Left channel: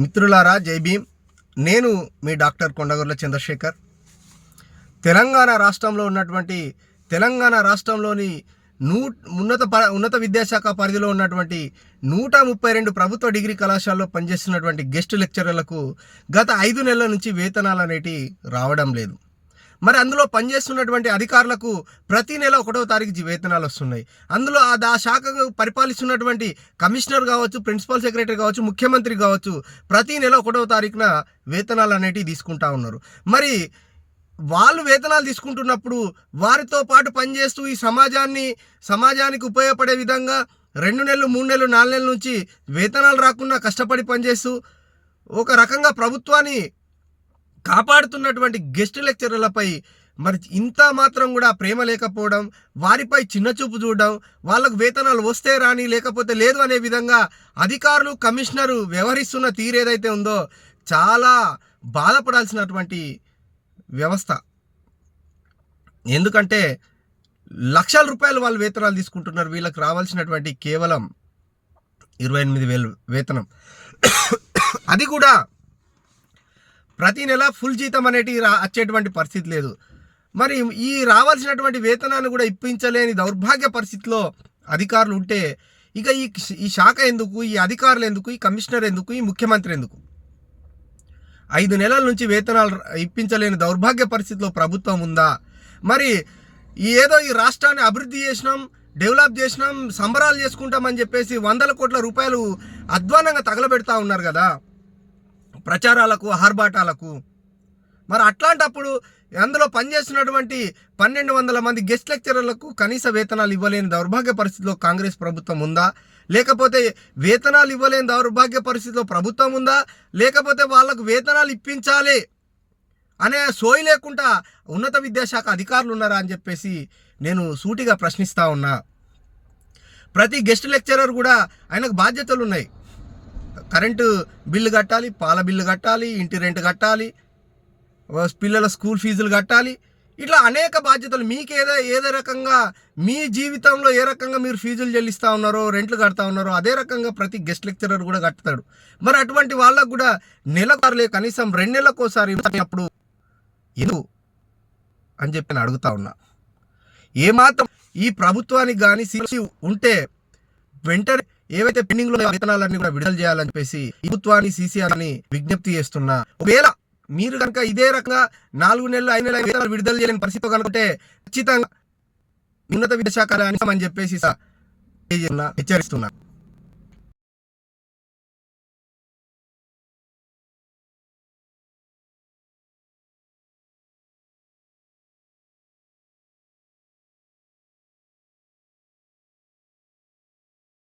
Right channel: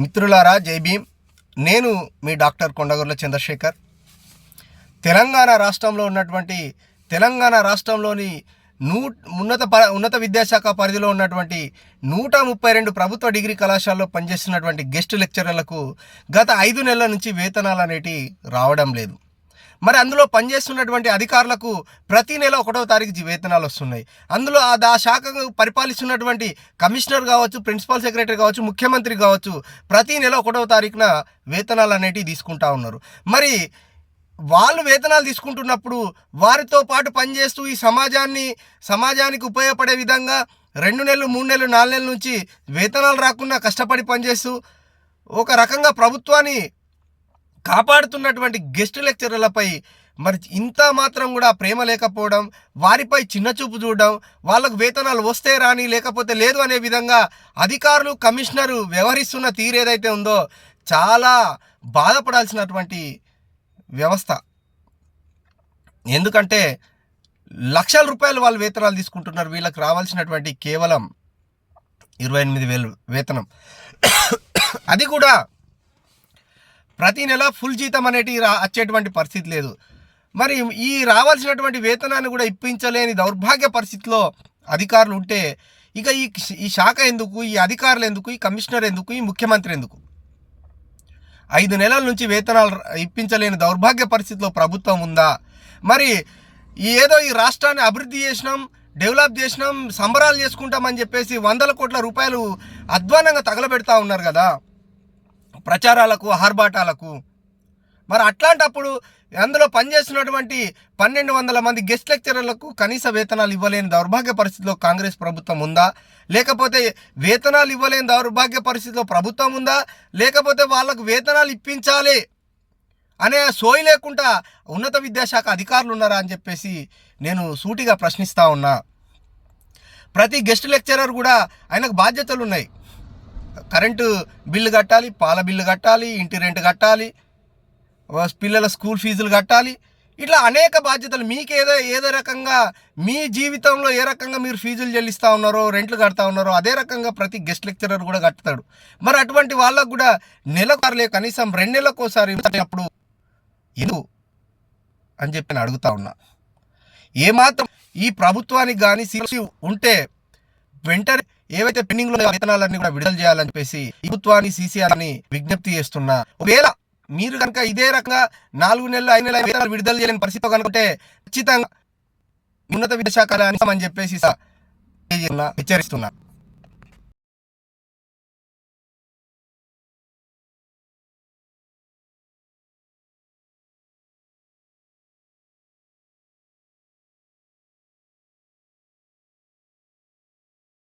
మిత్రులారా, జై భీమ్. నేను మీ డాక్టర్ కొండగొర్ల చంద్రశేఖర్. తెలంగాణ రాష్ట్రంలోని ఉన్నత విద్యాశాఖ పరిధిలో ఉన్నటువంటి 132 ప్రభుత్వ డిగ్రీ కళాశాలలో పనిచేస్తున్నటువంటి గెస్ట్ లెక్చరర్లకు గత 5 నెలల నుంచి వేతనాలు అనేటివి రావడం లేదు. మరి అందులో పనిచేస్తున్నటువంటి అధికారులకు ప్రతి నెల 1వ తారీఖు వేతనాలు వస్తున్నాయి. అందులో ఆ శాఖకు పరిపాలిస్తున్నటువంటి కమిషనర్ కావచ్చు, ప్రిన్సిపల్ సెక్రటరీ కావచ్చు, ముఖ్యమంత్రి కావచ్చు, ప్రతి నెల 1వ తారీఖున వేతనాలు అనేటివి తీసుకుంటా ఉన్నారు. మరి వాళ్ళు వేతనాలు తీసుకుంటున్నప్పుడు వారితో పాటు పనిచేస్తూ ఈ సమాజానికి ఉపయోగపడే విధంగా 2 నెలలు, 3 నెలలు, 4 నెలల నుంచి వేతనాలు రాకుండా కష్టపడి పనిచేస్తూ ఒక రకంగా ప్రభుత్వాన్ని కాపాడుతున్నటువంటి గెస్ట్ లెక్చరర్లపై మరి ఇంత మాత్రం కూడా ప్రేమ లేకపోవడం, వారిపై చిన్నచూపు చూడడం, వాళ్ళకు వేతనాలు వస్తే రాని లేకపోతే లేదు అనే విధంగా అధికారులు, కమిషనరు వ్యవహరిస్తున్న తీరు ఏదైతే ఉందో చాలా బాధపడాల్సినటువంటి వ్యవస్థ. ఎందుకంటే లక్షల రూపాయలు వాళ్ళు వేతనాలు తీసుకుంటున్నారు. వీళ్ళకి రావాల్సినటువంటి కేవలం 28,000 వేతనం. అది కూడా ప్రతి నెల ఫుల్ జీతం అనేటి వచ్చేటువంటి పరిస్థితి లేదు. మరి ఈ రావాల్సినటువంటి వేతనాన్ని కూడా ఇప్పించలేని దౌర్భాగ్య పరిస్థితిలో అధికారులు ఉంటే ఇక ఈ శాఖ ఎందుకు, ఈ అధికారులు ఎందుకు, ఈ కమిషనర్ ఎందుకు, ఈ ముఖ్యమంత్రి ఎందుకు? 5 నెలల నుంచి వేతనాలు ఇప్పించలేని దౌర్భాగ్య పరిస్థితిలో ప్రభుత్వం ఉందా? మరి ఏదో ఈ రాష్ట్రాన్ని అభివృద్ధి చేసినాం, డెవలప్ చేసినాం, సంబరాలు చేసుకుంటామని చెప్పేసి 100 కోట్ల రూపాయలు అధ్వానంగా తగలబెడతా ఉన్నారు కదా ప్రచారాలకు, ఆర్భాటాలకు. మరి అట్లాంటప్పుడు అందులో పనిచేస్తున్నటువంటి 1,200 మంది గెస్ట్ లెక్చరర్లకు కనీస వేతనాలు ఇవ్వలేని దౌర్భాగ్య పరిస్థితిలో కాంగ్రెస్ ప్రభుత్వం ఉందా? లేకపోతే వేతనాలు ఇవ్వలేని దౌర్భాగ్య పరిస్థితిలో ప్రభుత్వం ఉందా? లేకపోతే వాళ్ళకు వేతనాలు ఇప్పించాలి అనే సోయి లేకుండా ఉన్నత విద్యాశాఖ అధికారులు ఉన్నారా అని చెప్పేసి నేను సూటిగా ప్రశ్నిస్తూ ఉన్నా. ప్రతి గెస్ట్ లెక్చరర్ కూడా ఆయనకు బాధ్యతలు ఉన్నాయి. కరెంటు బిల్లు కట్టాలి, పాల బిల్లు కట్టాలి, ఇంటి రెంట్ కట్టాలి, పిల్లల స్కూల్ ఫీజులు కట్టాలి. ఇట్లా అనేక బాధ్యతలు. మీకు ఏదో రకంగా మీ జీవితంలో ఏ రకంగా మీరు ఫీజులు చెల్లిస్తూ ఉన్నారో, రెంట్లు కడతా ఉన్నారో అదే రకంగా ప్రతి గెస్ట్ లెక్చరర్ కూడా కడతాడు. మరి అటువంటి వాళ్ళకు కూడా నెలకోసారి, కనీసం 2 నెలలకోసారి అప్పుడు ఎందుకు అని చెప్పి నేను అడుగుతా ఉన్నా. ఏమాత్రం ఈ ప్రభుత్వానికి కానీ సీసీ ఉంటే వెంటనే ఏవైతే పెండింగ్లో వేతనాలన్నీ కూడా విడుదల చేయాలని చెప్పేసి ప్రభుత్వాన్ని, సీసీఆర్ని విజ్ఞప్తి చేస్తున్నా. ఒకవేళ మీరు కనుక ఇదే రకంగా 4 నెలలు, 5 నెలలు వేతనాలు విడుదల చేయలేని పరిస్థితి కనుకుంటే ఖచ్చితంగా ఉన్నత విద్యాశాఖ అని చెప్పేసి హెచ్చరిస్తున్నా.